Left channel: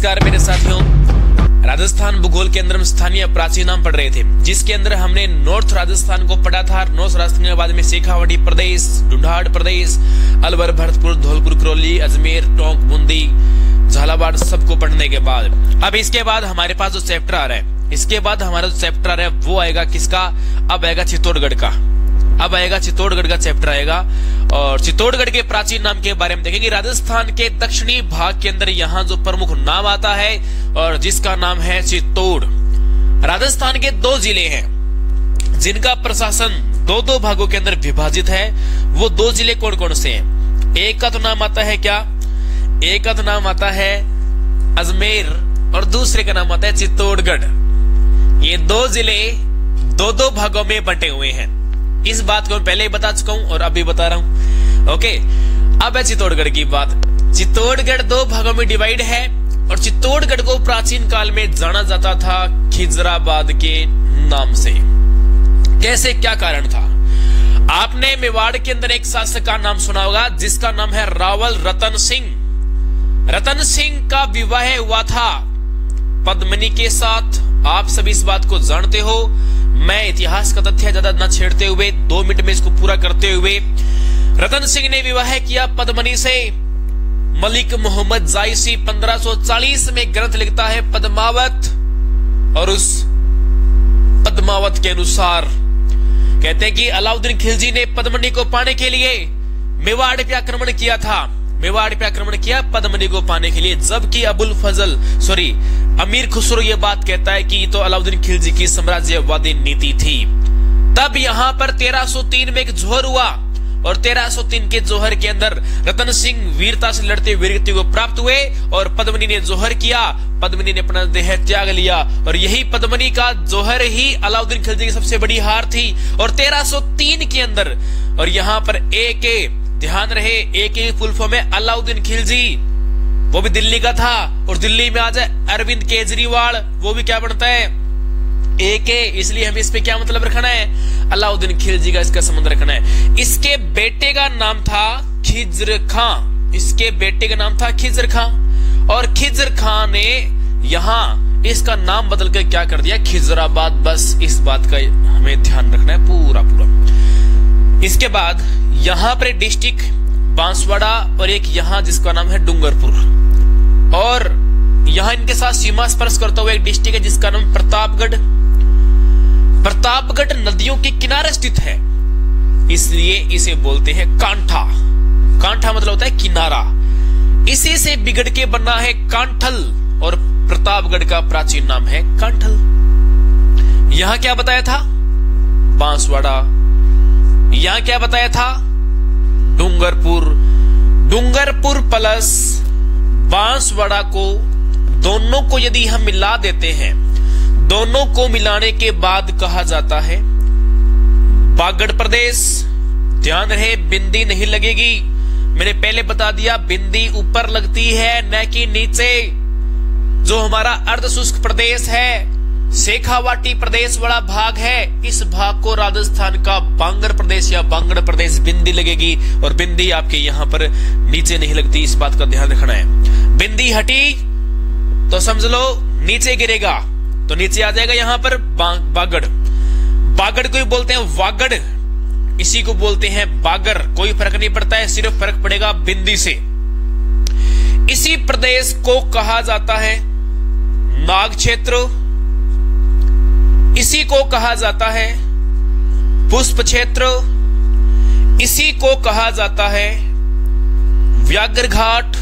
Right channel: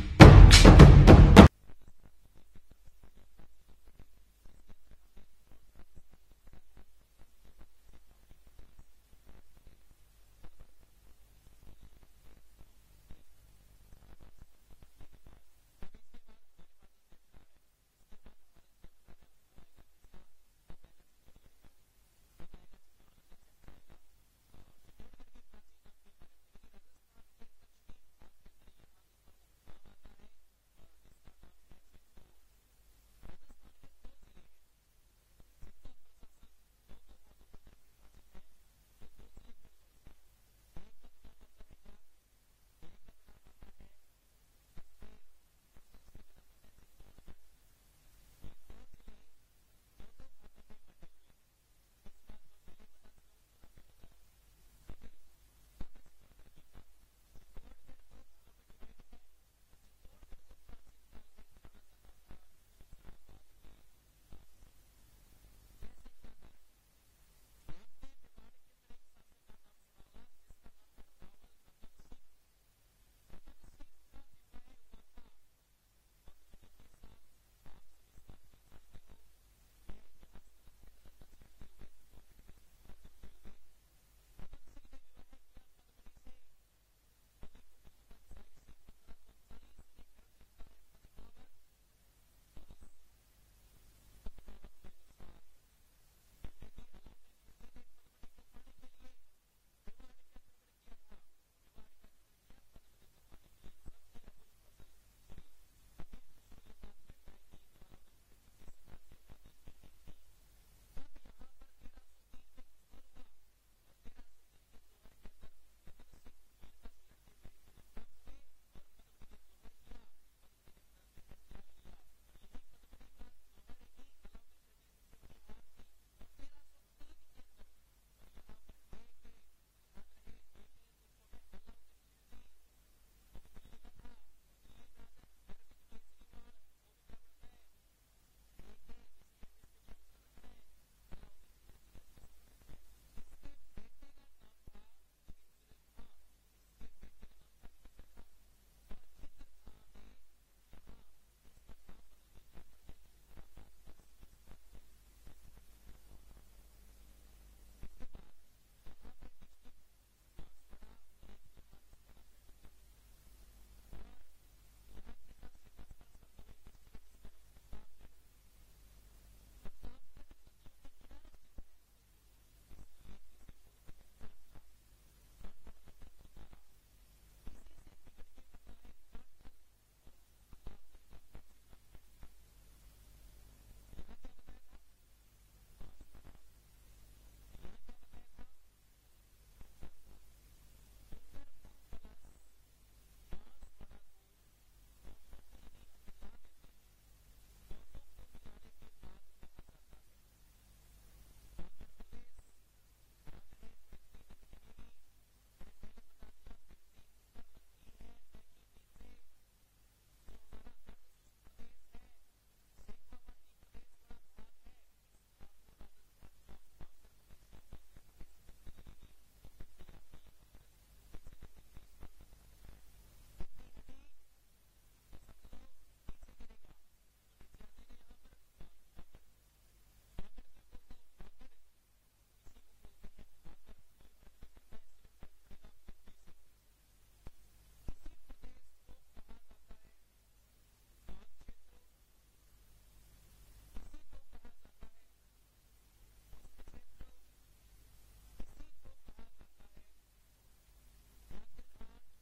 नमस्कार मेरे साथियों। राजस्थान भूगोल के अंदर हम स्थानीय प्राचीन नाम पढ़ रहे थे, जिसके अंदर हमने नॉर्थ राजस्थान को पढ़ा था। नॉर्थ राजस्थान के बाद में शेखावाटी प्रदेश, ढूंढाड़ प्रदेश, अलवर, भरतपुर, धौलपुर, करौली, अजमेर, टोंक, बूंदी, झालावाड़ सबको पढ़ने के बाद अब इसके बाद हमारे पास जो चैप्टर आ रहा है, इसके बाद हमारा जो चैप्टर आ रहा है वो आएगा किसका? अब आएगा चित्तौड़गढ़ का। अब आएगा चित्तौड़गढ़ का चैप्टर आएगा और चित्तौड़गढ़ के प्राचीन नाम के बारे में देखेंगे। राजस्थान के दक्षिणी भाग के अंदर यहाँ जो प्रमुख नाम आता है और जिसका नाम है चित्तौड़। राजस्थान के 2 जिले हैं जिनका प्रशासन 2 भागों के अंदर विभाजित है। वो 2 जिले कौन कौन से हैं? एक का तो नाम आता है क्या? एक का तो नाम आता है अजमेर और दूसरे का नाम आता है चित्तौड़गढ़। ये 2 जिले 2 भागों में बंटे हुए हैं। इस बात को मैं पहले ही बता चुका हूं और अभी बता रहा हूं। ओके, अब है चित्तौड़गढ़ की बात। चित्तौड़गढ़ 2 भागों में डिवाइड है और चित्तौड़गढ़ को प्राचीन काल में जाना जाता था खिजराबाद के नाम से। कैसे, क्या कारण था? आपने मेवाड़ के अंदर एक शासक का नाम सुना होगा जिसका नाम है रावल रतन सिंह। रतन सिंह का विवाह हुआ था पद्मिनी के साथ। आप सभी इस बात को जानते हो। मैं इतिहास का तथ्य ज्यादा न छेड़ते हुए 2 मिनट में इसको पूरा करते हुए, रतन सिंह ने विवाह किया पद्मिनी से। मलिक मोहम्मद जायसी 1540 में ग्रंथ लिखता है पद्मावत, और उस पद्मावत के अनुसार कहते हैं कि अलाउद्दीन खिलजी ने पद्मिनी को पाने के लिए मेवाड़ पे आक्रमण किया था। मेवाड़ पे आक्रमण किया पद्मिनी को पाने के लिए, जबकि अमीर खुसरो ये बात कहता है कि तो अलाउद्दीन खिलजी की साम्राज्यवादी नीति थी। तब यहां पर 1303 में एक जोहर हुआ और 1303 के जोहर के अंदर रतन सिंह वीरता से लड़ते वीरगति को प्राप्त हुए और पद्मिनी ने जोहर किया। पद्मिनी ने अपना देह त्याग लिया और यही पद्मिनी का जोहर ही अलाउद्दीन खिलजी की सबसे बड़ी हार थी। और 1303 के अंदर, और यहां पर ध्यान रहे, एक फुल फॉर्म है अलाउद्दीन खिलजी, वो भी दिल्ली का था। और दिल्ली में आ जाए अरविंद केजरीवाल, वो भी क्या बनता है? इसलिए हमें इस पे क्या मतलब रखना है? अलाउद्दीन खिलजी का इसका संबंध रखना है। इसके बेटे का नाम था खिज्र खां। इसके बेटे का नाम था खिज्र खां और खिज्र खां ने यहां इसका नाम बदल कर क्या कर दिया? खिजराबाद। बस इस बात का हमें ध्यान रखना है पूरा। इसके बाद यहां पर डिस्ट्रिक्ट बांसवाड़ा और एक यहां जिसका नाम है डूंगरपुर, और यहां इनके साथ सीमा स्पर्श करता हुआ एक डिस्ट्रिक्ट है जिसका नाम प्रतापगढ़। प्रतापगढ़ नदियों के किनारे स्थित है, इसलिए इसे बोलते हैं कांठा। कांठा मतलब होता है किनारा। इसी से बिगड़ के बना है कांठल और प्रतापगढ़ का प्राचीन नाम है कांठल। यहां क्या बताया था? बांसवाड़ा। यहां क्या बताया था? डूंगरपुर। डूंगरपुर प्लस बांसवाड़ा को, दोनों को यदि हम मिला देते हैं, दोनों को मिलाने के बाद कहा जाता है बागड़ प्रदेश। ध्यान रहे, बिंदी नहीं लगेगी। मैंने पहले बता दिया, बिंदी ऊपर लगती है न कि नीचे। जो हमारा अर्धशुष्क प्रदेश है, शेखावाटी प्रदेश वाला भाग है, इस भाग को राजस्थान का बांगर प्रदेश या बांगड़ प्रदेश बिंदी लगेगी। और बिंदी आपके यहां पर नीचे नहीं लगती, इस बात का ध्यान रखना है। बिंदी हटी तो समझ लो नीचे गिरेगा, तो नीचे आ जाएगा यहां पर बागड़। बागड़ को भी बोलते हैं वागड़, इसी को बोलते हैं बागर। कोई फर्क नहीं पड़ता है, सिर्फ फर्क पड़ेगा बिंदी से। इसी प्रदेश को कहा जाता है नाग क्षेत्र, इसी को कहा जाता है पुष्प क्षेत्र, इसी को कहा जाता है व्याघ्र घाट,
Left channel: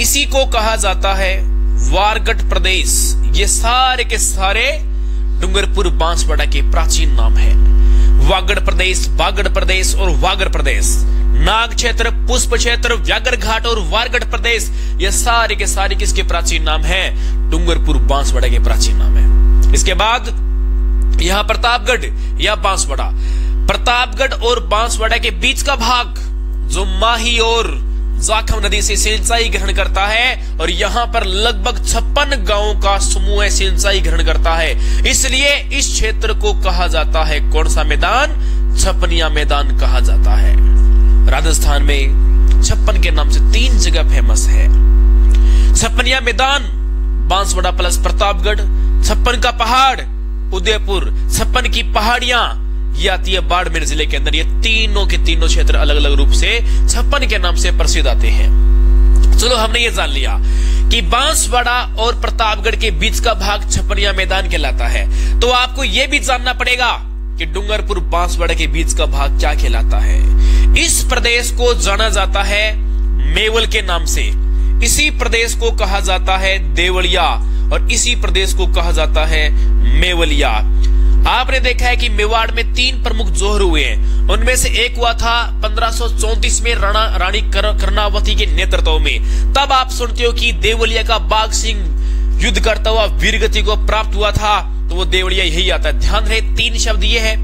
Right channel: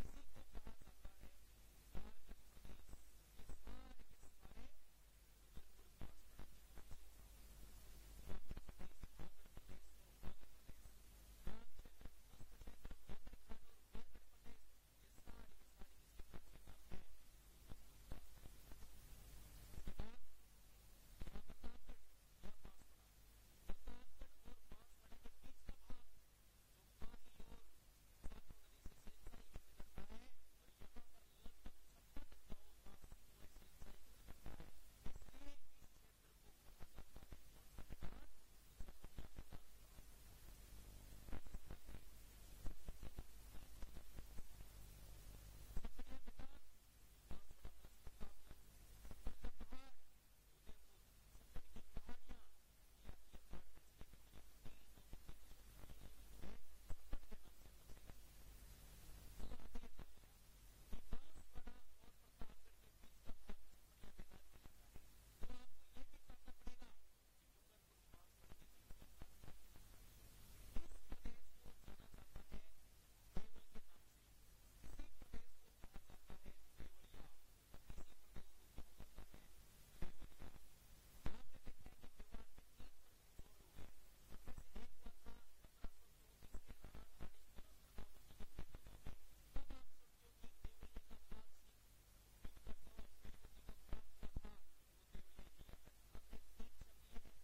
इसी को कहा जाता है वारगढ़ प्रदेश। ये सारे के सारे डूंगरपुर बांसवाड़ा के प्राचीन नाम है। वागड़ प्रदेश, बागड़ प्रदेश और वागड़ प्रदेश, नाग क्षेत्र, पुष्प क्षेत्र, व्याघ्र घाट और वारगढ़ प्रदेश, ये सारे के सारे किसके प्राचीन नाम है? डूंगरपुर बांसवाड़ा के प्राचीन नाम है। इसके बाद यहां प्रतापगढ़ या बांसवाड़ा, प्रतापगढ़ और बांसवाड़ा के बीच का भाग जो माही और जाखम नदी से सिंचाई ग्रहण करता है, और यहां पर लगभग 56 गांवों का समूह सिंचाई ग्रहण करता है। इसलिए इस क्षेत्र को कहा जाता है कौन सा मैदान? छपनिया मैदान कहा जाता है। राजस्थान में 56 के नाम से 3 जगह फेमस है। छप्पनिया मैदान बांसवाड़ा प्लस प्रतापगढ़, 56 का पहाड़ उदयपुर, 56 की पहाड़ियां ये आती है बाड़मेर जिले के अंदर। ये तीनों के तीनों क्षेत्र अलग अलग रूप से 56 के नाम से प्रसिद्ध आते हैं। चलो हमने ये जान लिया कि बांसवाड़ा और प्रतापगढ़ के बीच का भाग छप्पनिया मैदान कहलाता है। तो आपको यह भी जानना पड़ेगा कि डूंगरपुर बांसवाड़ा के बीच का भाग क्या कहलाता है। इस प्रदेश को जाना जाता है मेवल के नाम से, इसी प्रदेश को कहा जाता है देवलिया और इसी प्रदेश को कहा जाता है मेवलिया। आपने देखा है कि मेवाड़ में 3 प्रमुख जोहर हुए हैं। उनमें से एक हुआ था 1534 में रानी कर्णावती के नेतृत्व में। तब आप सुनते हो कि देवलिया का बाघ सिंह युद्ध करता हुआ वीरगति को प्राप्त हुआ था, तो वो देवलिया यही आता है। ध्यान रहे 3 शब्द ये है,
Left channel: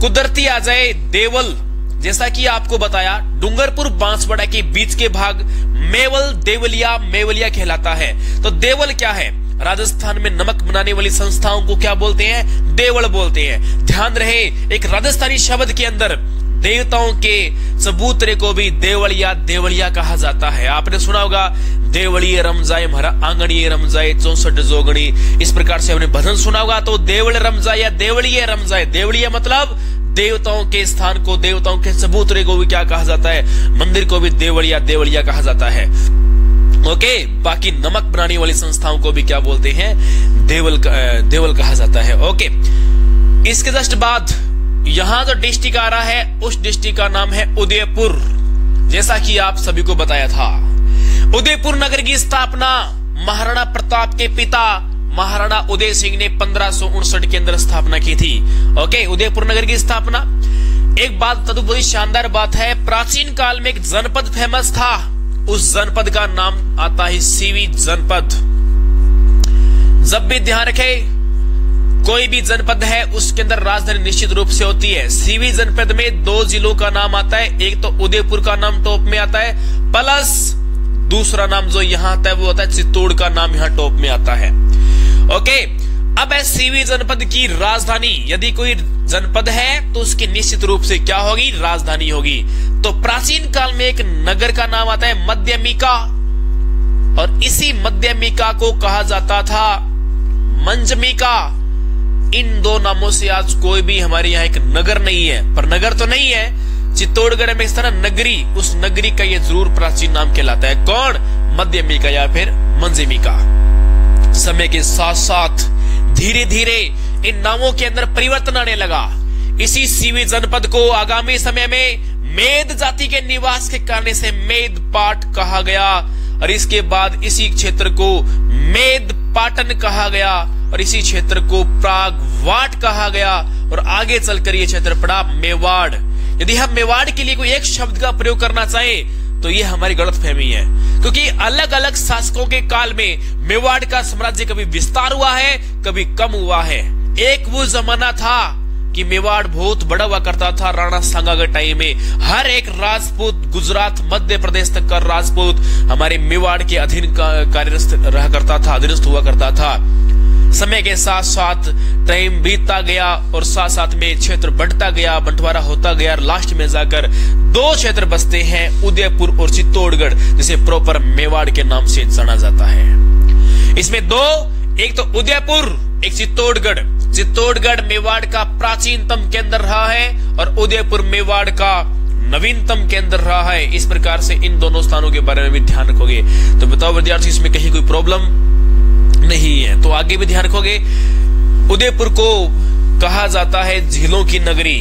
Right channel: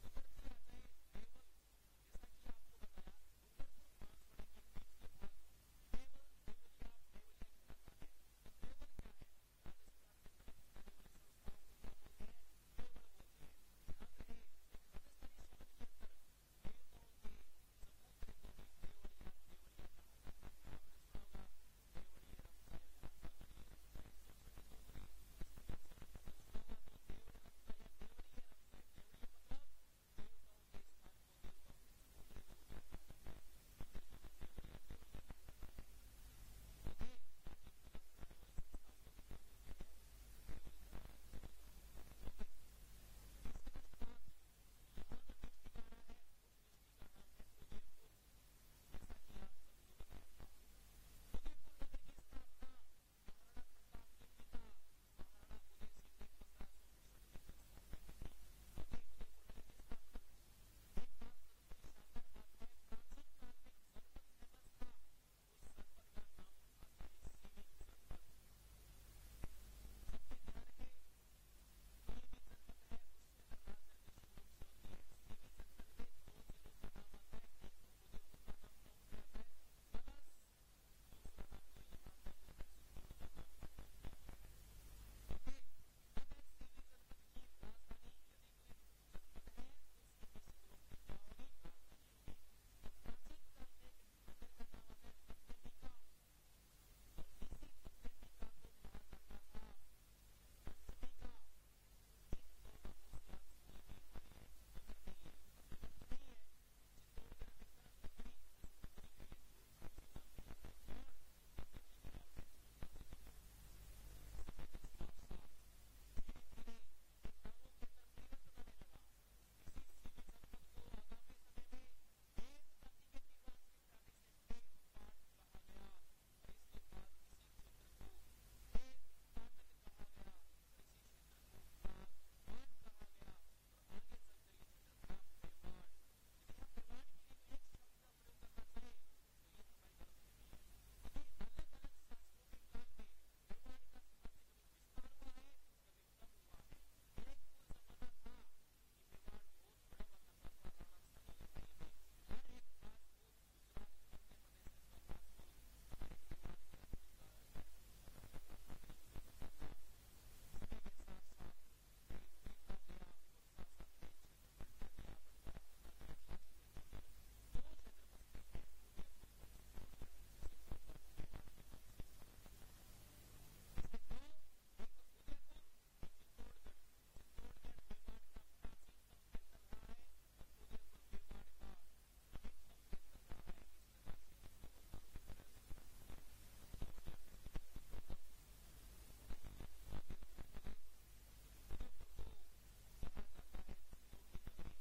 कुदरती आ जाए देवल, जैसा कि आपको बताया डूंगरपुर बांसवाड़ा के बीच के भाग मेवल देवलिया मेवलिया कहलाता है। तो देवल क्या है? राजस्थान में नमक बनाने वाली संस्थाओं को क्या बोलते हैं? देवल बोलते हैं। ध्यान रहे एक राजस्थानी शब्द के अंदर देवताओं के चबूतरे को भी देवलिया देवलिया कहा जाता है। आपने सुना होगा देवलिए रम जाए हमारा आंगणिए रम जाए 64 जोगणी, इस प्रकार से हमने भजन सुना होगा। तो देवल रम जाए या देवलिए रम जाए, देवलिया मतलब देवताओं के स्थान को, देवताओं के चबूतरे को भी क्या कहा जाता है? मंदिर को भी देवलिया देवलिया कहा जाता है। ओके, बाकी नमक बनाने वाली संस्थाओं को भी क्या बोलते हैं? देवल कहा जाता है। ओके, इसके जस्ट बाद यहां जो डिस्ट्रिक्ट आ रहा है उस डिस्ट्रिक्ट का नाम है उदयपुर, जैसा कि आप सभी को बताया था। उदयपुर नगर की स्थापना महाराणा प्रताप के पिता महाराणा उदय सिंह ने 1559 के अंदर स्थापना की थी। ओके, उदयपुर नगर की स्थापना। एक बात तदुपरि शानदार बात है, प्राचीन काल में एक जनपद फेमस था, उस जनपद का नाम आता है सीवी जनपद। जब भी ध्यान रखे कोई भी जनपद है उसके अंदर राजधानी निश्चित रूप से होती है। सीवी जनपद में 2 जिलों का नाम आता है, एक तो उदयपुर का नाम टॉप में आता है, प्लस दूसरा नाम जो यहां आता है वो होता है चित्तौड़ का नाम यहां टॉप में आता है। ओके, अब है सीवी जनपद की राजधानी। यदि कोई जनपद है तो उसकी निश्चित रूप से क्या होगी? राजधानी होगी। तो प्राचीन काल में एक नगर का नाम आता है मध्यमिका, और इसी मध्यमिका को कहा जाता था मंजमिका। इन 2 नामों से आज कोई भी हमारे यहाँ एक नगर नहीं है, पर नगर तो नहीं है। चित्तौड़गढ़ में इस तरह नगरी, उस नगरी का ये जरूर प्राचीन नाम कहलाता है। कौन? मध्यमिका या फिर मंजमिका। समय के साथ साथ धीरे धीरे इन नामों के अंदर परिवर्तन आने लगा। इसी सीवी जनपद को आगामी समय में मेद जाति के निवास के कारण से मेद पाट कहा गया, और इसके बाद इसी क्षेत्र को मेद पाटन कहा गया, और इसी क्षेत्र को प्रागवाट कहा गया, और आगे चलकर यह क्षेत्र पड़ा मेवाड़। यदि हम मेवाड़ के लिए कोई एक शब्द का प्रयोग करना चाहें तो ये हमारी गलतफहमी है, क्योंकि अलग अलग शासकों के काल में मेवाड़ का साम्राज्य कभी विस्तार हुआ है, कभी कम हुआ है। एक वो जमाना था कि मेवाड़ बहुत बड़ा हुआ करता था राणा सांगा के टाइम में। हर एक राजपूत, गुजरात मध्य प्रदेश तक का राजपूत हमारे मेवाड़ के अधीन कार्यस्थ रहा करता था, अधीनस्थ हुआ करता था। समय के साथ साथ टाइम बीतता गया और साथ साथ में क्षेत्र बढ़ता गया, बंटवारा होता गया, लास्ट में जाकर 2 क्षेत्र बसते हैं, उदयपुर और चित्तौड़गढ़, जिसे प्रॉपर मेवाड़ के नाम से जाना जाता है। इसमें 2, एक तो उदयपुर, एक चित्तौड़गढ़। चित्तौड़गढ़ मेवाड़ का प्राचीनतम केंद्र रहा है और उदयपुर मेवाड़ का नवीनतम केंद्र रहा है। इस प्रकार से इन दोनों स्थानों के बारे में भी ध्यान रखोगे तो बताओ विद्यार्थी, इसमें कहीं कोई प्रॉब्लम नहीं है? तो आगे भी ध्यान रखोगे। उदयपुर को कहा जाता है झीलों की नगरी,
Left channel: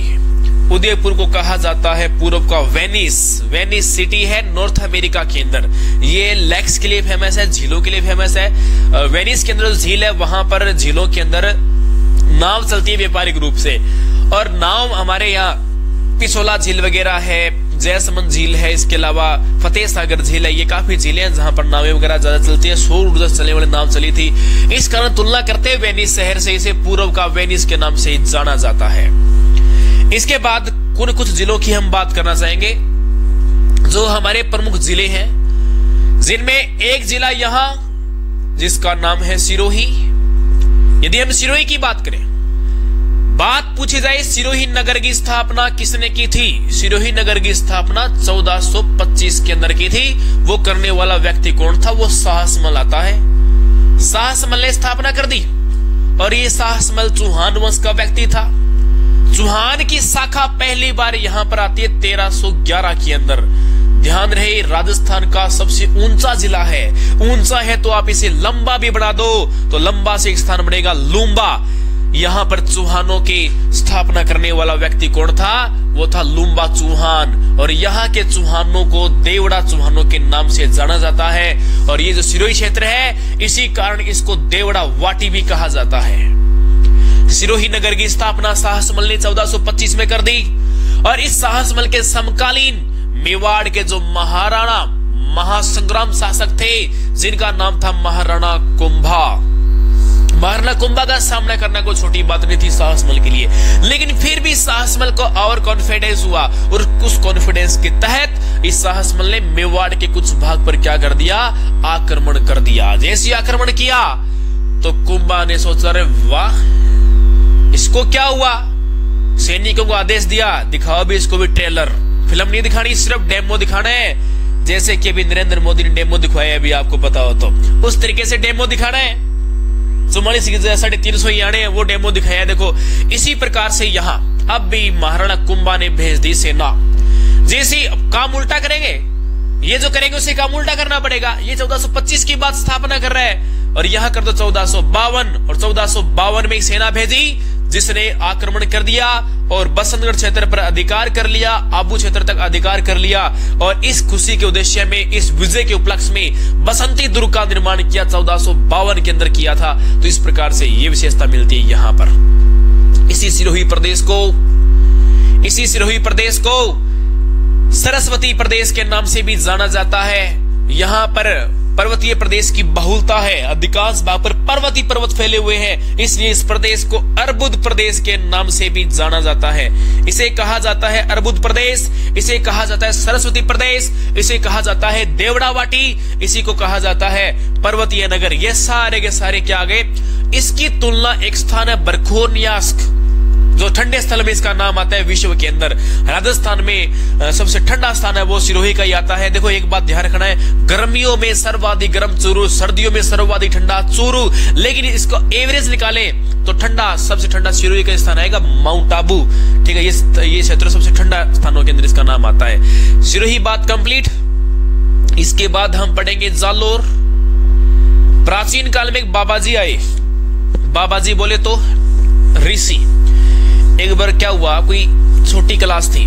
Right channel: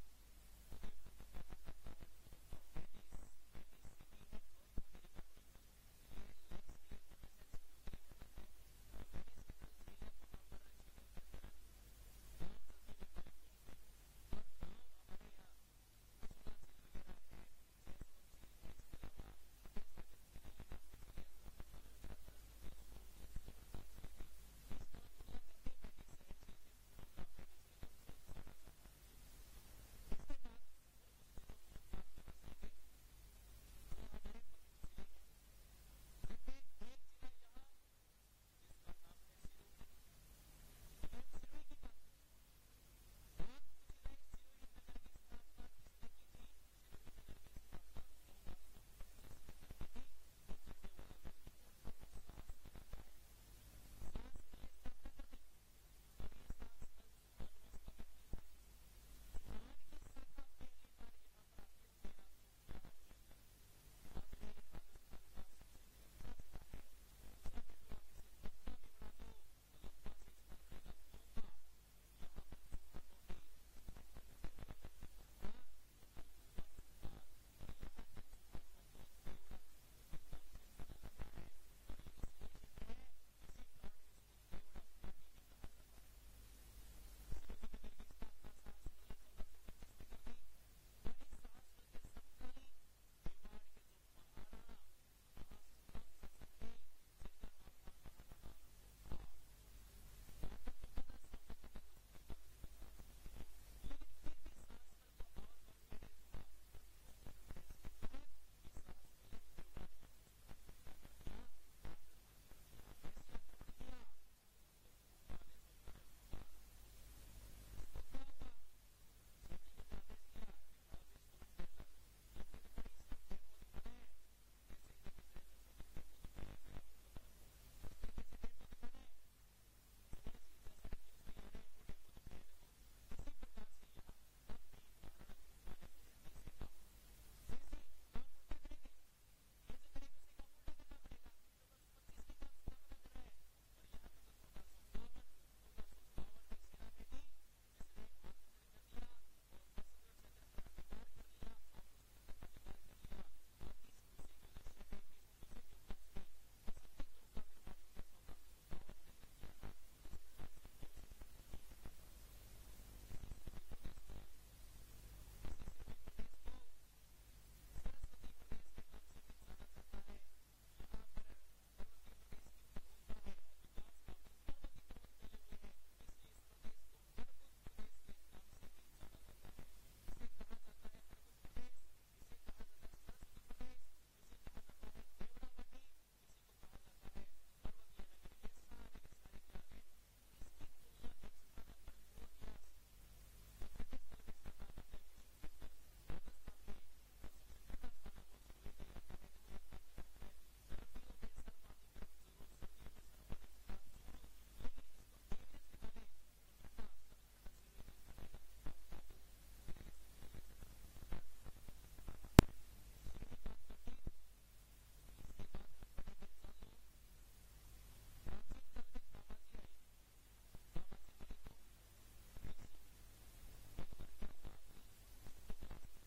उदयपुर को कहा जाता है पूर्व का वेनिस। वेनिस सिटी है नॉर्थ अमेरिका के अंदर। ये लेक्स के लिए फेमस है, झीलों के लिए फेमस है। वेनिस के अंदर जो झील है वहां पर झीलों के अंदर नाव चलती है व्यापारिक रूप से, और नाव हमारे यहाँ पिछोला झील वगैरह है, जयसमंद झील है, इसके अलावा फतेह सागर झील है। ये काफी झीलें हैं जहां पर नावें वगैरह ज्यादा चलती है। सौर ऊर्जा से चलने वाली नाव चली थी, इस कारण तुलना करते हैं वेनिस शहर से इसे पूर्व का वेनिस के नाम से जाना जाता है। इसके बाद कुछ जिलों की हम बात करना चाहेंगे जो हमारे प्रमुख जिले हैं, जिनमें एक जिला यहां जिसका नाम है सिरोही। यदि हम सिरोही की बात करें, बात पूछी जाए सिरोही नगर की स्थापना किसने की थी? सिरोही नगर की स्थापना 1425 के अंदर की थी। वो करने वाला व्यक्ति कौन था? वो साहसमल आता है। साहसमल ने स्थापना कर दी और ये साहसमल चौहान वंश का व्यक्ति था। चौहान की शाखा पहली बार यहां पर आती है 1311 के अंदर। ध्यान रहे, राजस्थान का सबसे ऊंचा जिला है। ऊंचा है तो आप इसे लंबा भी बना दो तो लंबा से एक स्थान बनेगा लूम्बा। यहां पर चौहानों की स्थापना करने वाला व्यक्ति कौन था? वो था लूम्बा चौहान। और यहाँ के चौहानों को देवड़ा चौहानों के नाम से जाना जाता है। और ये जो सिरोही क्षेत्र है, इसी कारण इसको देवड़ा वाटी भी कहा जाता है। सिरोही नगर की स्थापना साहसमल ने 1425 में कर दी। और इस साहसमल के समकालीन मेवाड़ के जो महाराणा महासंग्राम शासक थे, जिनका नाम था महाराणा कुंभा। महाराणा कुंभा का सामना करना कोई छोटी बात नहीं थी साहसमल के लिए, लेकिन फिर भी साहसमल को और कॉन्फिडेंस हुआ और उस कॉन्फिडेंस के तहत इस साहसमल ने मेवाड़ के कुछ भाग पर क्या कर दिया? आक्रमण कर दिया। जैसे आक्रमण किया तो कुंभा ने सोचा, अरे वाह, इसको क्या हुआ? सैनिकों को आदेश दिया, दिखाओ भी इसको भी ट्रेलर। फिल्म नहीं दिखानी, सिर्फ डेमो दिखाना है। जैसे कि अभी नरेंद्र मोदी ने डेमो दिखवाया, अभी आपको पता हो तो उस तरीके से डेमो दिखाना है। 350 याने वो डेमो दिखाया। देखो, इसी प्रकार से यहाँ अब भी महाराणा कुंभा ने भेज दी सेना। जैसे काम उल्टा करेंगे, ये जो करेंगे उसे काम उल्टा करना पड़ेगा। ये 1425 की बात स्थापना कर रहा है और यहाँ कर दो 1452। और 1452 में सेना भेजी जिसने आक्रमण कर दिया और बसंतगढ़ क्षेत्र पर अधिकार कर लिया, आबू क्षेत्र तक अधिकार कर लिया। और इस खुशी के उद्देश्य में, इस विजय के उपलक्ष्य में बसंती दुर्ग का निर्माण किया 1452 के अंदर किया था। तो इस प्रकार से ये विशेषता मिलती है यहाँ पर। इसी सिरोही प्रदेश को सरस्वती प्रदेश के नाम से भी जाना जाता है। यहाँ पर पर्वतीय प्रदेश की बहुलता है, अधिकांश भाग पर पर्वतीय पर्वत फैले हुए हैं, इसलिए इस प्रदेश को अर्बुद प्रदेश के नाम से भी जाना जाता है। इसे कहा जाता है अर्बुद प्रदेश, इसे कहा जाता है सरस्वती प्रदेश, इसे कहा जाता है देवड़ा वाटी, इसी को कहा जाता है पर्वतीय नगर। ये सारे के सारे क्या आ गए? इसकी तुलना एक स्थान है बरखोर्नियास्क, जो ठंडे स्थल में इसका नाम आता है विश्व के अंदर। राजस्थान में सबसे ठंडा स्थान है वो सिरोही का ही आता है। देखो, एक बात ध्यान रखना है, गर्मियों में सर्वाधिक गर्म चूरू, सर्दियों में सर्वाधिक ठंडा चूरू। लेकिन इसको एवरेज निकाले तो ठंडा, सबसे ठंडा सिरोही का स्थान आएगा माउंट आबू। ठीक है, ये क्षेत्र सबसे ठंडा स्थानों के अंदर इसका नाम आता है। सिरोही बात कंप्लीट। इसके बाद हम पढ़ेंगे जालोर। प्राचीन काल में एक बाबाजी आए। बाबाजी बोले तो ऋषि। एक बार क्या हुआ, कोई छोटी क्लास थी,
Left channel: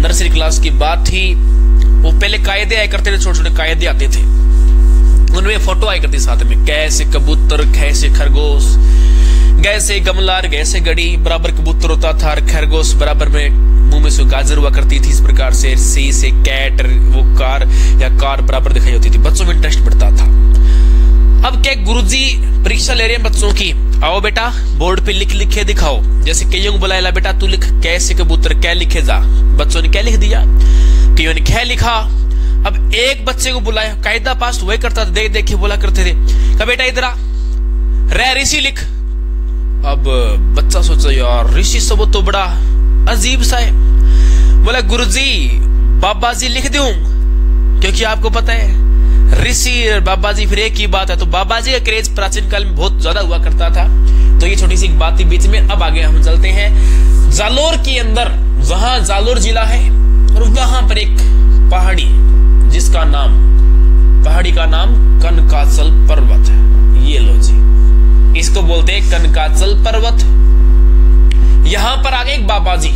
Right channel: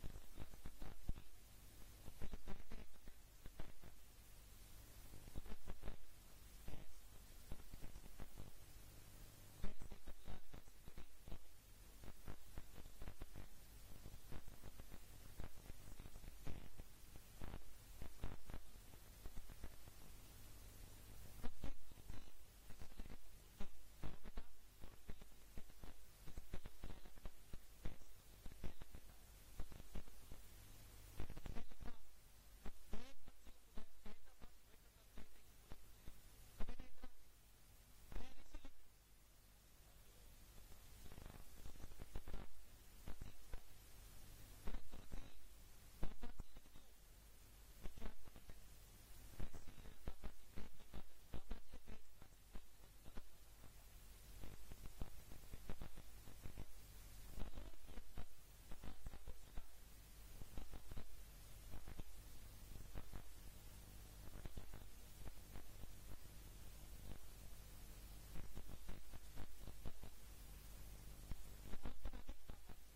नर्सरी क्लास की बात थी। वो पहले कायदे आया करते थे, छोटे छोटे कायदे आते थे, उनमें फोटो आया करती साथ में। कैसे कबूतर, कैसे खरगोश, गैसे गमलार, गैसे गड़ी, बराबर कबूतर होता था और खरगोश बराबर में मुंह में से गाजर हुआ करती थी। इस प्रकार से सी से कैट, वो कार या कार बराबर दिखाई होती थी। बच्चों में इंटरेस्ट बढ़ता था। अब क्या गुरुजी परीक्षा ले रहे हैं बच्चों की, आओ बेटा बोर्ड पे लिख के दिखाओ। जैसे कईयों को बुलाया, बेटा तू लिख कैसे कबूतर कै लिखे जा। बच्चों ने क्या लिख दिया, कईयों ने कै लिखा। अब एक बच्चे को बुलाया, कायदा पास वही करता था, देख देख के बोला करते थे, कहा बेटा इधर आ, ऋषि लिख। अब बच्चा सोचा, यार ऋषि सब तो बड़ा अजीब सा है। बोला गुरुजी बाबा जी लिख दूं, क्योंकि आपको पता है ऋषि और बाबा जी फिर एक ही बात है। तो बाबा जी का क्रेज प्राचीन काल में बहुत ज्यादा हुआ करता था। तो ये छोटी सी बात थी बीच में। अब आगे हम चलते हैं जालोर के अंदर, जहां जालोर जिला है और वहां पर एक पहाड़ी, जिसका नाम, पहाड़ी का नाम कनकाचल पर्वत है। ये लो जी, इसको बोलते हैं कनकाचल पर्वत। यहां पर आगे एक बाबा जी,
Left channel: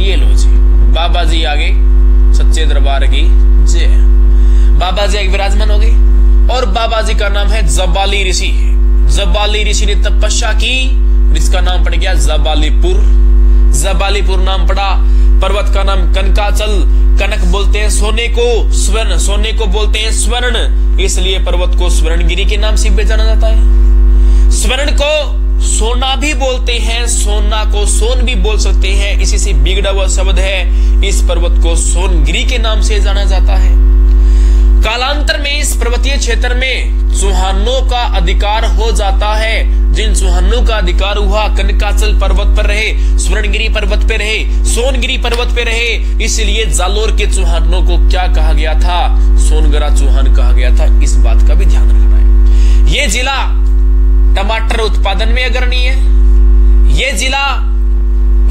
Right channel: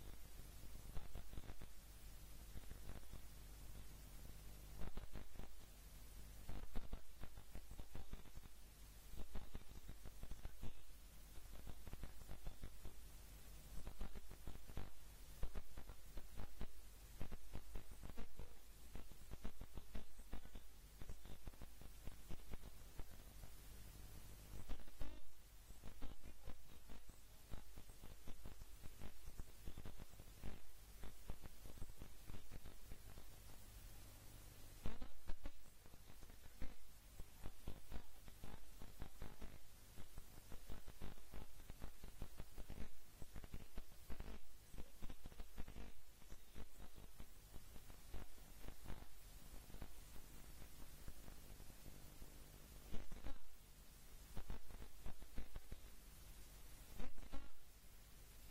ये लो जी, बाबा जी आगे, सच्चे दरबार की जय। बाबा जी एक विराजमान हो गए और बाबा जी का नाम है जबाली ऋषि। जबाली ऋषि ने तपस्या की, इसका नाम पड़ गया जबालीपुर। जबालीपुर नाम पड़ा। पर्वत का नाम कनकाचल, कनक बोलते हैं सोने को, स्वर्ण, सोने को बोलते हैं स्वर्ण, इसलिए पर्वत को स्वर्णगिरी के नाम से भी जाना जाता है। स्वर्ण को सोना भी बोलते हैं, सोना को सोन भी बोल सकते हैं, इसी से बिगड़ा हुआ शब्द है। इस पर्वत को सोनगिरी के नाम से जाना जाता है। कालांतर में इस पर्वतीय क्षेत्र में चौहानों का अधिकार हो जाता है। जिन चौहानों का अधिकार हुआ कनकाचल पर्वत पर रहे, स्वर्णगिरी पर्वत पे रहे, सोनगिरी पर्वत पे रहे, इसलिए जालोर के चौहानों को क्या कहा गया था? सोनगरा चौहान कहा गया था। इस बात का भी ध्यान रखना है। ये जिला टमाटर उत्पादन में अग्रणी है, ये जिला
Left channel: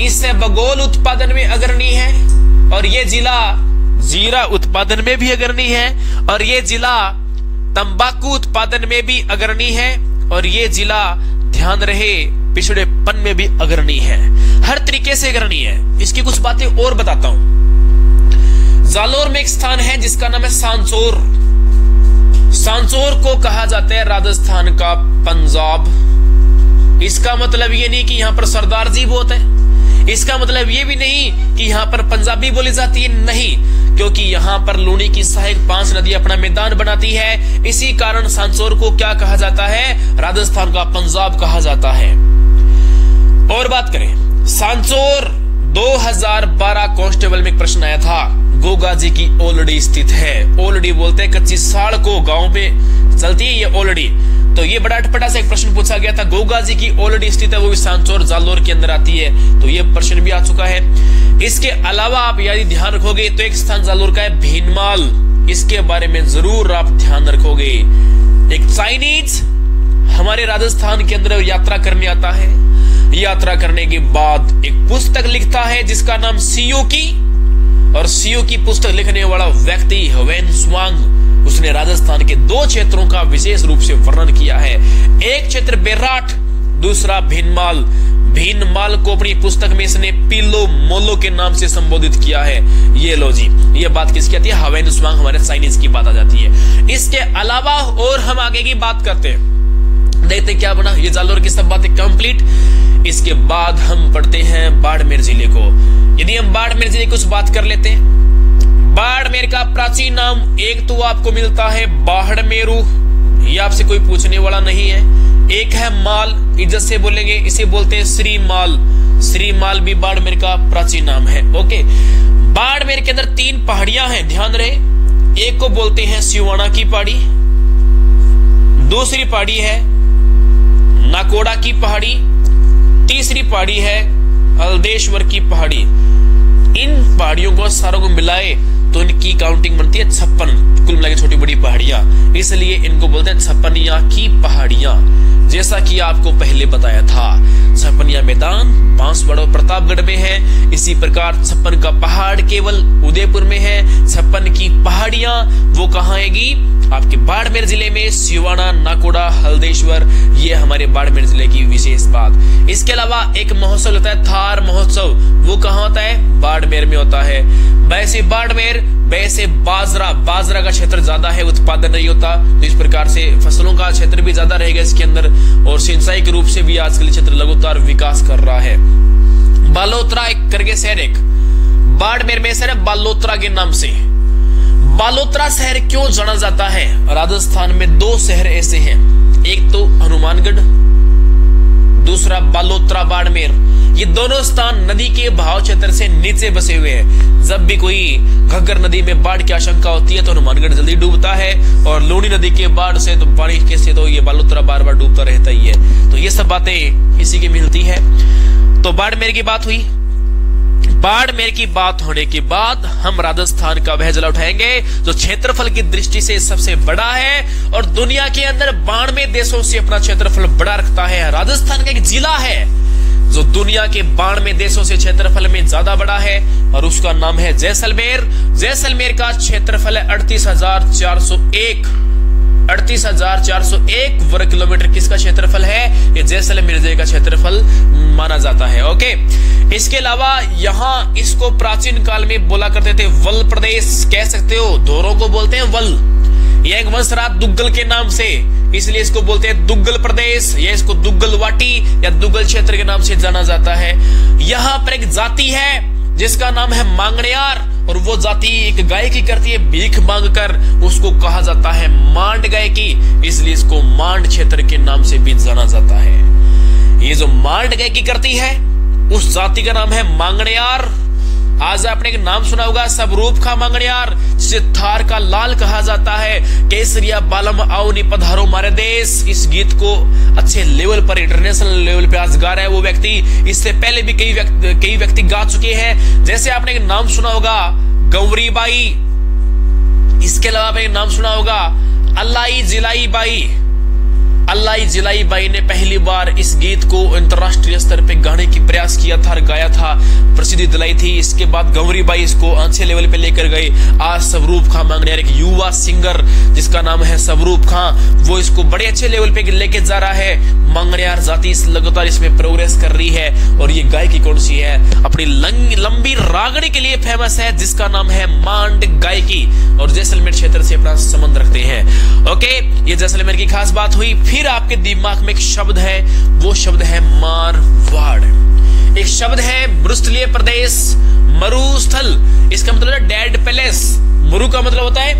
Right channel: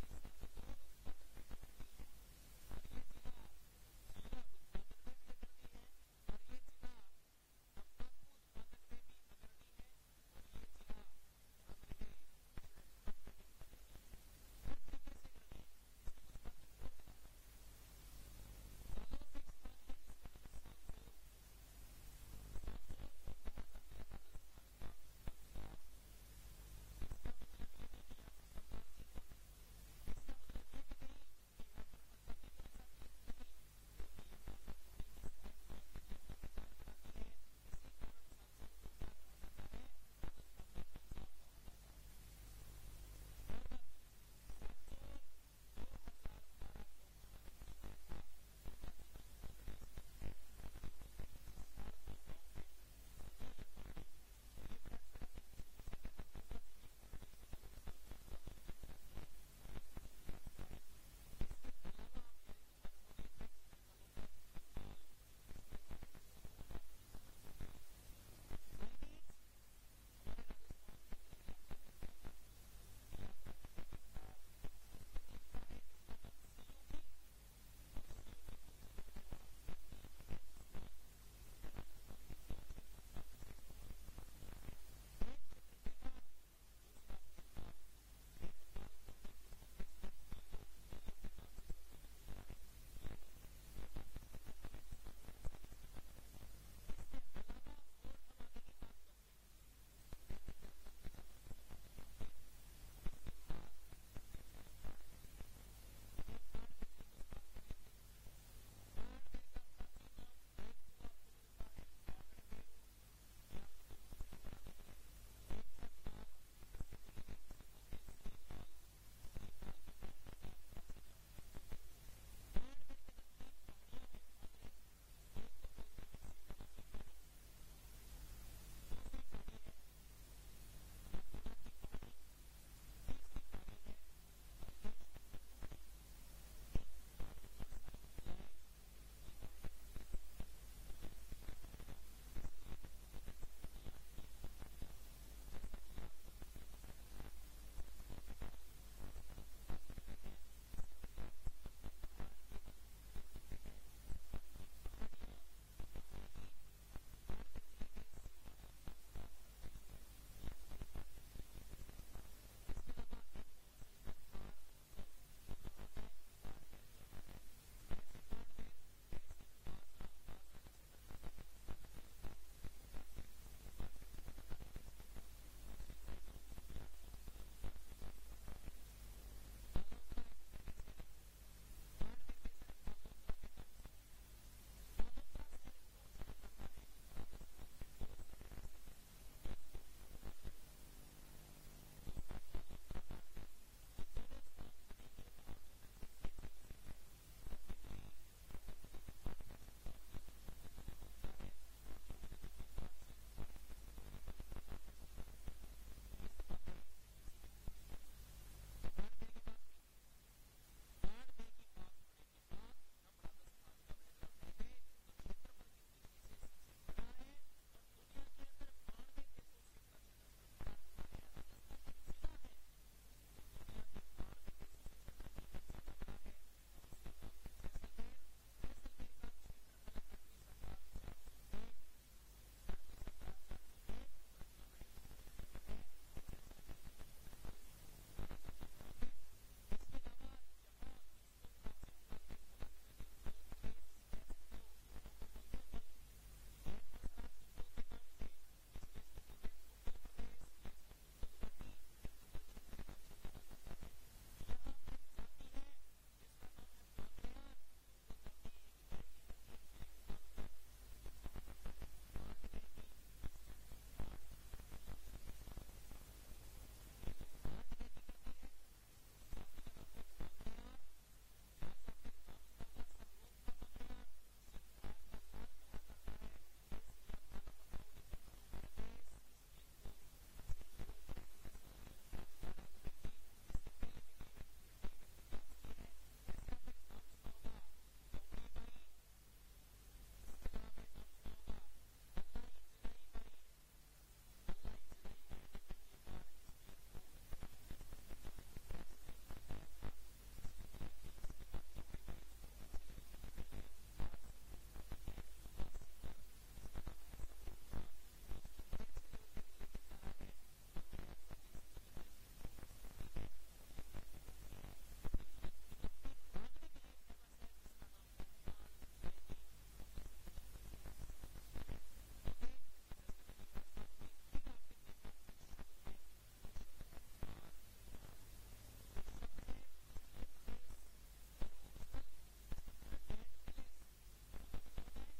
इसबगोल उत्पादन में अग्रणी है, और ये जिला जीरा उत्पादन में भी अग्रणी है, और ये जिला तंबाकू उत्पादन में भी अग्रणी है, और ये जिला ध्यान रहे पिछड़ेपन में भी अग्रणी है। हर तरीके से अग्रणी है। इसकी कुछ बातें और बताता हूं। जालोर में एक स्थान है जिसका नाम है सांचौर। सांचौर को कहा जाता है राजस्थान का पंजाब। इसका मतलब ये नहीं कि यहां पर सरदार जी बहुत है, इसका मतलब ये भी नहीं कि यहां पर पंजाबी बोली जाती है, नहीं, क्योंकि यहां पर लूणी की सहायक 5 नदी अपना मैदान बनाती है। इसी कारण सांचौर को क्या कहा जाता है? राजस्थान का पंजाब कहा जाता है। और बात करें सांचौर 2012 कांस्टेबल में एक प्रश्न आया था। गोगा जी की ओलडी स्थित है। ओलडी बोलते हैं कच्ची साड़ को, गांव में चलती है ये ओलडी। तो ये बड़ा अटपटा से एक प्रश्न पूछा गया था। गोगा जी की ओलडी स्थित है, वो भी सांचौर जालोर के अंदर आती है। तो ये प्रश्न भी आ चुका है। इसके अलावा आप यदि ध्यान रखोगे तो एक स्थान जालोर का है भीनमाल। इसके बारे में जरूर आप ध्यान रखोगे। एक चाइनीज हमारे राजस्थान के अंदर यात्रा करने आता है। यात्रा करने के बाद एक पुस्तक लिखता है जिसका नाम सीओ की, और सीओ की पुस्तक लिखने वाला व्यक्ति ह्वेन स्वांग, उसने राजस्थान के 2 क्षेत्रों का विशेष रूप से वर्णन किया है। एक क्षेत्र बेराट, दूसरा भीनमाल। भीनमाल को अपनी पुस्तक में इसने पीलो मोलो के नाम से संबोधित किया है। ये लो जी, ये बात किसकी आती है? ह्वेन स्वांग, हमारे चाइनीज की बात आ जाती है। इसके अलावा और हम आगे की बात करते हैं, देखते क्या बना। ये जालोर की सब बातें कंप्लीट। इसके बाद हम पढ़ते हैं बाड़मेर जिले को। यदि हम बाड़मेर जिले की कुछ बात कर लेते हैं, बाड़मेर का प्राचीन नाम एक तो आपको मिलता है बाड़मेरू, ये आपसे कोई पूछने वाला नहीं है। एक है माल, इज्जत से बोलेंगे, इसे बोलते हैं श्रीमाल। श्रीमाल भी बाड़मेर का प्राचीन नाम है। ओके, बाड़मेर के अंदर 3 पहाड़ियां हैं, ध्यान रहे। एक को बोलते हैं सिवाना की पहाड़ी, दूसरी पहाड़ी है नाकोड़ा की पहाड़ी, तीसरी पहाड़ी है हल्देश्वर की पहाड़ी। इन पहाड़ियों को सारों को मिलाए तो इनकी काउंटिंग बनती है 56, कुल मिला के छोटी बड़ी पहाड़ियां, इसलिए इनको बोलते हैं छप्पनिया की पहाड़ियां। जैसा कि आपको पहले बताया था, छप्पनिया मैदान बांसवाड़ा और प्रतापगढ़ में है। इसी प्रकार 56 का पहाड़ केवल उदयपुर में है। 56 की पहाड़ियां वो कहाँ आएगी? आपके बाड़मेर जिले में, सिवाना, नाकोड़ा, हल्देश्वर, ये हमारे बाड़मेर जिले की विशेष बात। इसके अलावा एक महोत्सव होता है थार महोत्सव, वो कहाँ होता है? बाड़मेर में होता है। वैसे बाड़मेर, वैसे बाजरा का क्षेत्र ज्यादा है, उत्पादन नहीं होता, तो इस प्रकार से फसलों का क्षेत्र भी ज्यादा रहेगा इसके अंदर, और सिंचाई के रूप से भी आजकल क्षेत्र लगातार विकास कर रहा है। बालोतरा एक करके शहर, एक बाड़मेर में शहर है बालोतरा के नाम से। बालोतरा शहर क्यों जाना जाता है? राजस्थान में 2 शहर ऐसे हैं, एक तो हनुमानगढ़, दूसरा बालोतरा बाड़मेर। ये दोनों स्थान नदी के बहाव क्षेत्र से नीचे बसे हुए हैं। जब भी कोई घग्गर नदी में बाढ़ की आशंका होती है तो हनुमानगढ़ जल्दी डूबता है, और लूणी नदी के बाढ़ से तो पानी कैसे तो ये बालोतरा बार बार डूबता रहता ही है। तो ये सब बातें इसी की मिलती है। तो बाड़मेर की बात हुई। बाड़मेर की बात होने के बाद हम राजस्थान का वह जिला उठाएंगे जो क्षेत्रफल की दृष्टि से सबसे बड़ा है और दुनिया के अंदर 92 देशों से अपना क्षेत्रफल बड़ा रखता है। राजस्थान का एक जिला है जो दुनिया के 92 देशों से क्षेत्रफल में ज्यादा बड़ा है, और उसका नाम है जैसलमेर। जैसलमेर का क्षेत्रफल है 38,401 वर्ग किलोमीटर। किसका क्षेत्रफल है? ये जैसलमेर जिले का क्षेत्रफल माना जाता है। ओके, इसके अलावा यहाँ इसको प्राचीन काल में बोला करते थे वल प्रदेश, कह सकते हो, धोरों को बोलते हैं वल। यह एक वंश रहा दुग्गल के नाम से, इसलिए इसको बोलते हैं दुग्गल प्रदेश, या इसको दुग्गल वाटी या दुग्गल क्षेत्र के नाम से जाना जाता है। यहाँ पर एक जाति है जिसका नाम है मांगणियार, और वो जाति एक गायकी करती है भीख मांगकर, उसको कहा जाता है मांड गायकी, इसलिए इसको मांड क्षेत्र के नाम से भी जाना जाता है। ये जो मांड गायकी करती है उस जाति का नाम है मांगणियार, आज आपने एक नाम सुना होगा स्वरूप खा मंगनियार, जिसे थार का लाल कहा जाता है। केसरिया बालम आओ नी पधारो मारे देश, इस गीत को अच्छे लेवल पर, इंटरनेशनल लेवल पे आज गा रहा है वो व्यक्ति। इससे पहले भी कई व्यक्ति गा चुके हैं। जैसे आपने एक नाम सुना होगा गौरी बाई, इसके अलावा आपने एक नाम सुना होगा अल्लाई जिलाई बाई। अल्लाई जिलाई बाई ने पहली बार इस गीत को अंतरराष्ट्रीय स्तर पे गाने की प्रयास किया था और गाया था, प्रसिद्धि दिलाई थी। इसके बाद गौरी बाई इसको अच्छे लेवल पे लेकर गए। आज स्वरूप खां मंगनियार एक युवा सिंगर जिसका नाम है स्वरूप खां, वो इसको बड़े अच्छे लेवल पे लेके जा रहा है। मंगनियार जाति लगातार इसमें प्रोग्रेस कर रही है। और ये गायकी कौन सी है? अपनी लंबी रागड़ी के लिए फेमस है, जिसका नाम है मांड गायकी, और जैसलमेर क्षेत्र से अपना संबंध रखते हैं। ओके, ये जैसलमेर की खास बात हुई। फिर आपके दिमाग में एक शब्द है, वो शब्द है मारवाड़। एक शब्द है मरुस्थलीय प्रदेश, मरुस्थल, इसका मतलब है डेड पैलेस। मरु का मतलब होता है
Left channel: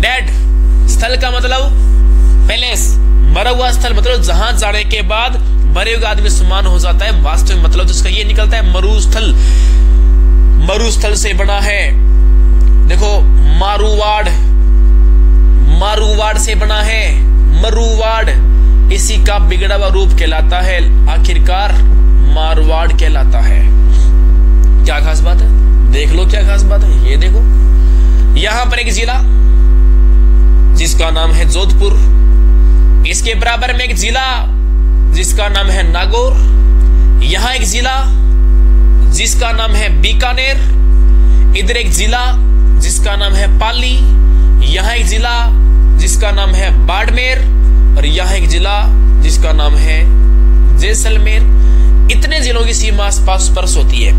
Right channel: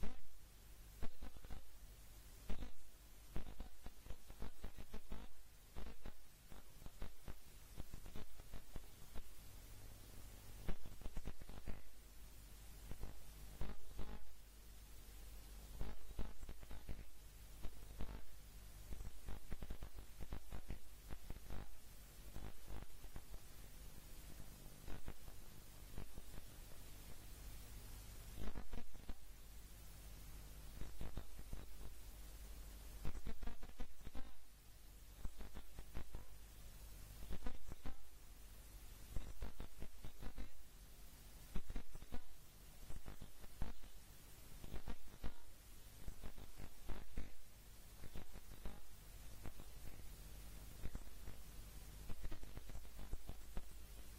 डेड, स्थल का मतलब पैलेस, मरा हुआ स्थल मतलब जहां जाने के बाद मरे हुए आदमी समान हो जाता है। वास्तविक मतलब जिसका ये निकलता है मरुस्थल। मरुस्थल से बना है, देखो मारुवाड़, मारुवाड़ से बना है मरुवाड़, इसी का बिगड़ा हुआ रूप कहलाता है, आखिरकार मारवाड़ कहलाता है। क्या खास बात है? देख लो क्या खास बात है। ये देखो, यहां पर एक जिला जिसका नाम है जोधपुर, इसके बराबर में एक जिला जिसका नाम है नागौर, यहां एक जिला जिसका नाम है बीकानेर, इधर एक जिला जिसका नाम है पाली, यहां एक जिला जिसका नाम है बाड़मेर, और यहां एक जिला जिसका नाम है जैसलमेर। इतने जिलों की सीमा आसपास स्पर्श होती है।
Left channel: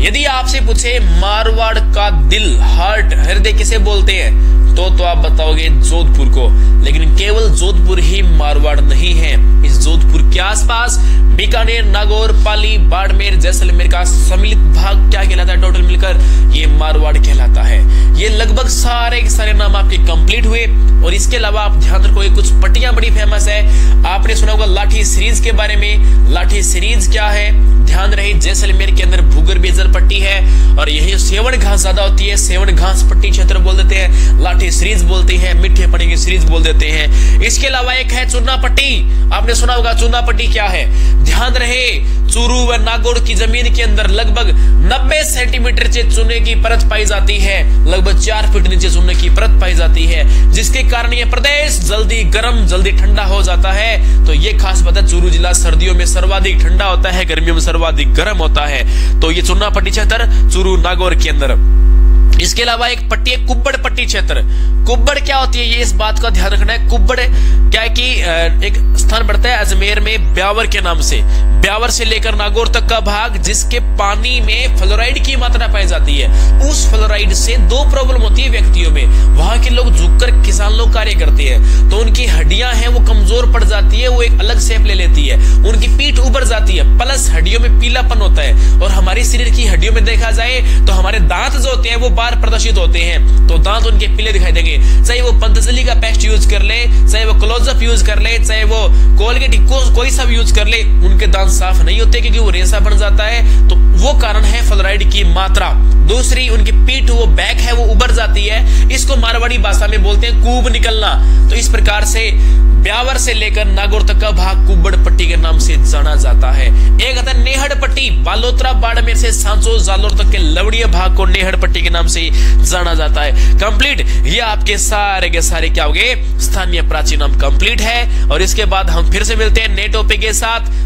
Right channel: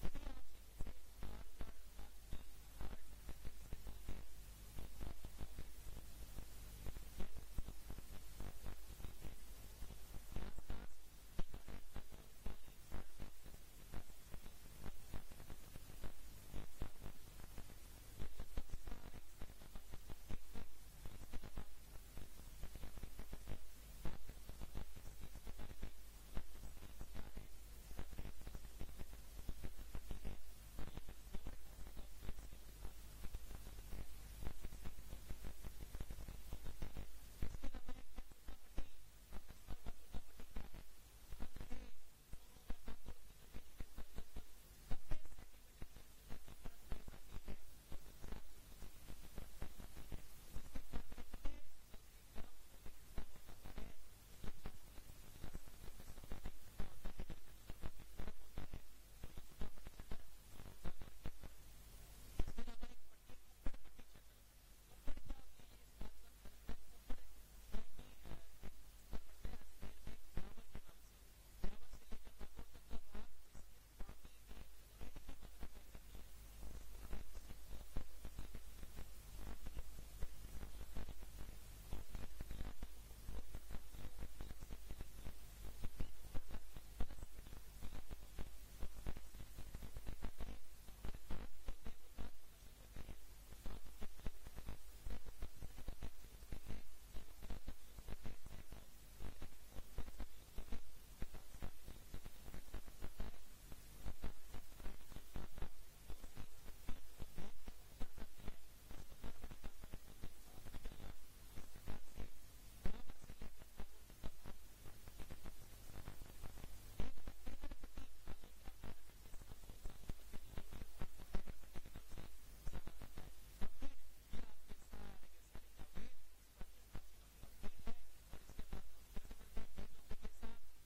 यदि आपसे पूछे मारवाड़ का दिल, हार्ट, हृदय किसे बोलते हैं, तो आप बताओगे जोधपुर को। लेकिन केवल जोधपुर ही मारवाड़ नहीं है। इस जोधपुर के आसपास बीकानेर, नागौर, पाली, बाड़मेर, जैसलमेर का सम्मिलित भाग क्या कहलाता है? टोटल मिलकर ये मारवाड़ कहलाता है। ये लगभग सारे के सारे नाम आपके कंप्लीट हुए। और इसके अलावा आप ध्यान रखो, कुछ पट्टियां बड़ी फेमस है। आपने सुना होगा लाठी सीरीज के बारे में। लाठी सीरीज क्या है? ध्यान रहे, जैसलमेर के अंदर भूगर्भीय जल पट्टी है और यही सेवन घास ज्यादा होती है, सेवन घास पट्टी क्षेत्र बोल देते हैं, लाठी सीरीज बोलते हैं, मीठे पानी की सीरीज बोल देते हैं। इसके अलावा एक है चूना पट्टी। आपने सुना होगा चूना पट्टी क्या है? ध्यान रहे, चूरू व नागौर की जमीन के अंदर लगभग 90 सेंटीमीटर से चूने की परत पाई जाती है, लगभग 4 फीट नीचे चूने की परत पाई जाती है, जिसके कारण यह प्रदेश जल्दी गर्म, जल्दी ठंडा हो जाता है। तो ये खास बात है, चूरू जिला सर्दियों में सर्वाधिक ठंडा होता है, गर्मियों में सर्वाधिक गर्म होता है। तो ये चूना पट्टी क्षेत्र चूरू नागौर के अंदर। इसके अलावा एक पट्टी है कुब्बड़ पट्टी क्षेत्र। कुब्बड़ क्या होती है, ये इस बात का ध्यान रखना है। कुब्बड़ क्या है कि एक स्थान पड़ता है अजमेर में ब्यावर के नाम से, ब्यावर से लेकर नागौर तक का भाग, जिसके पानी में फ्लोराइड की मात्रा पाई जाती है। उस फ्लोराइड से 2 प्रॉब्लम होती है व्यक्तियों में। वहां के लोग झुककर किसान लोग कार्य करते हैं तो उनकी हड्डियां हैं वो कमजोर पड़ जाती है, वो एक अलग शेप ले लेती है, उनकी पीठ उभर जाती है, प्लस हड्डियों में पीलापन होता है। और हमारे शरीर की हड्डियों में देखा जाए तो हमारे दांत जो होते हैं वो बाहर प्रदर्शित होते हैं, तो दांत उनके पीले दिखाई देंगे। चाहे वो पतंजलि का पेस्ट यूज कर ले, चाहे वो क्लोजअप यूज कर ले, चाहे वो कोलगेट कोई सा यूज कर ले, उनके दांत साफ नहीं होते क्योंकि वो रेशा बन जाता है। तो वो कारण है फ्लोराइड की मात्रा। दूसरी, उनकी पीठ वो बैक है वो उभर जाती है, इसको मारवाड़ी भाषा में बोलते हैं कूब निकलना। तो इस प्रकार से ब्यावर से लेकर नागौर तक का भाग कुब्बड़ पट्टी के नाम से जाना जाता है। एक आता है नेहड़ पट्टी, बालोतरा बाड़मेर से सांचो जालोर तक के लवड़ीय भाग को नेहड़ पट्टी के नाम से जाना जाता है। कंप्लीट, ये आपके सारे के सारे क्या हो गए, स्थानीय प्राचीन नाम कंप्लीट है। और इसके बाद हम फिर से मिलते हैं नए टॉपिक के साथ।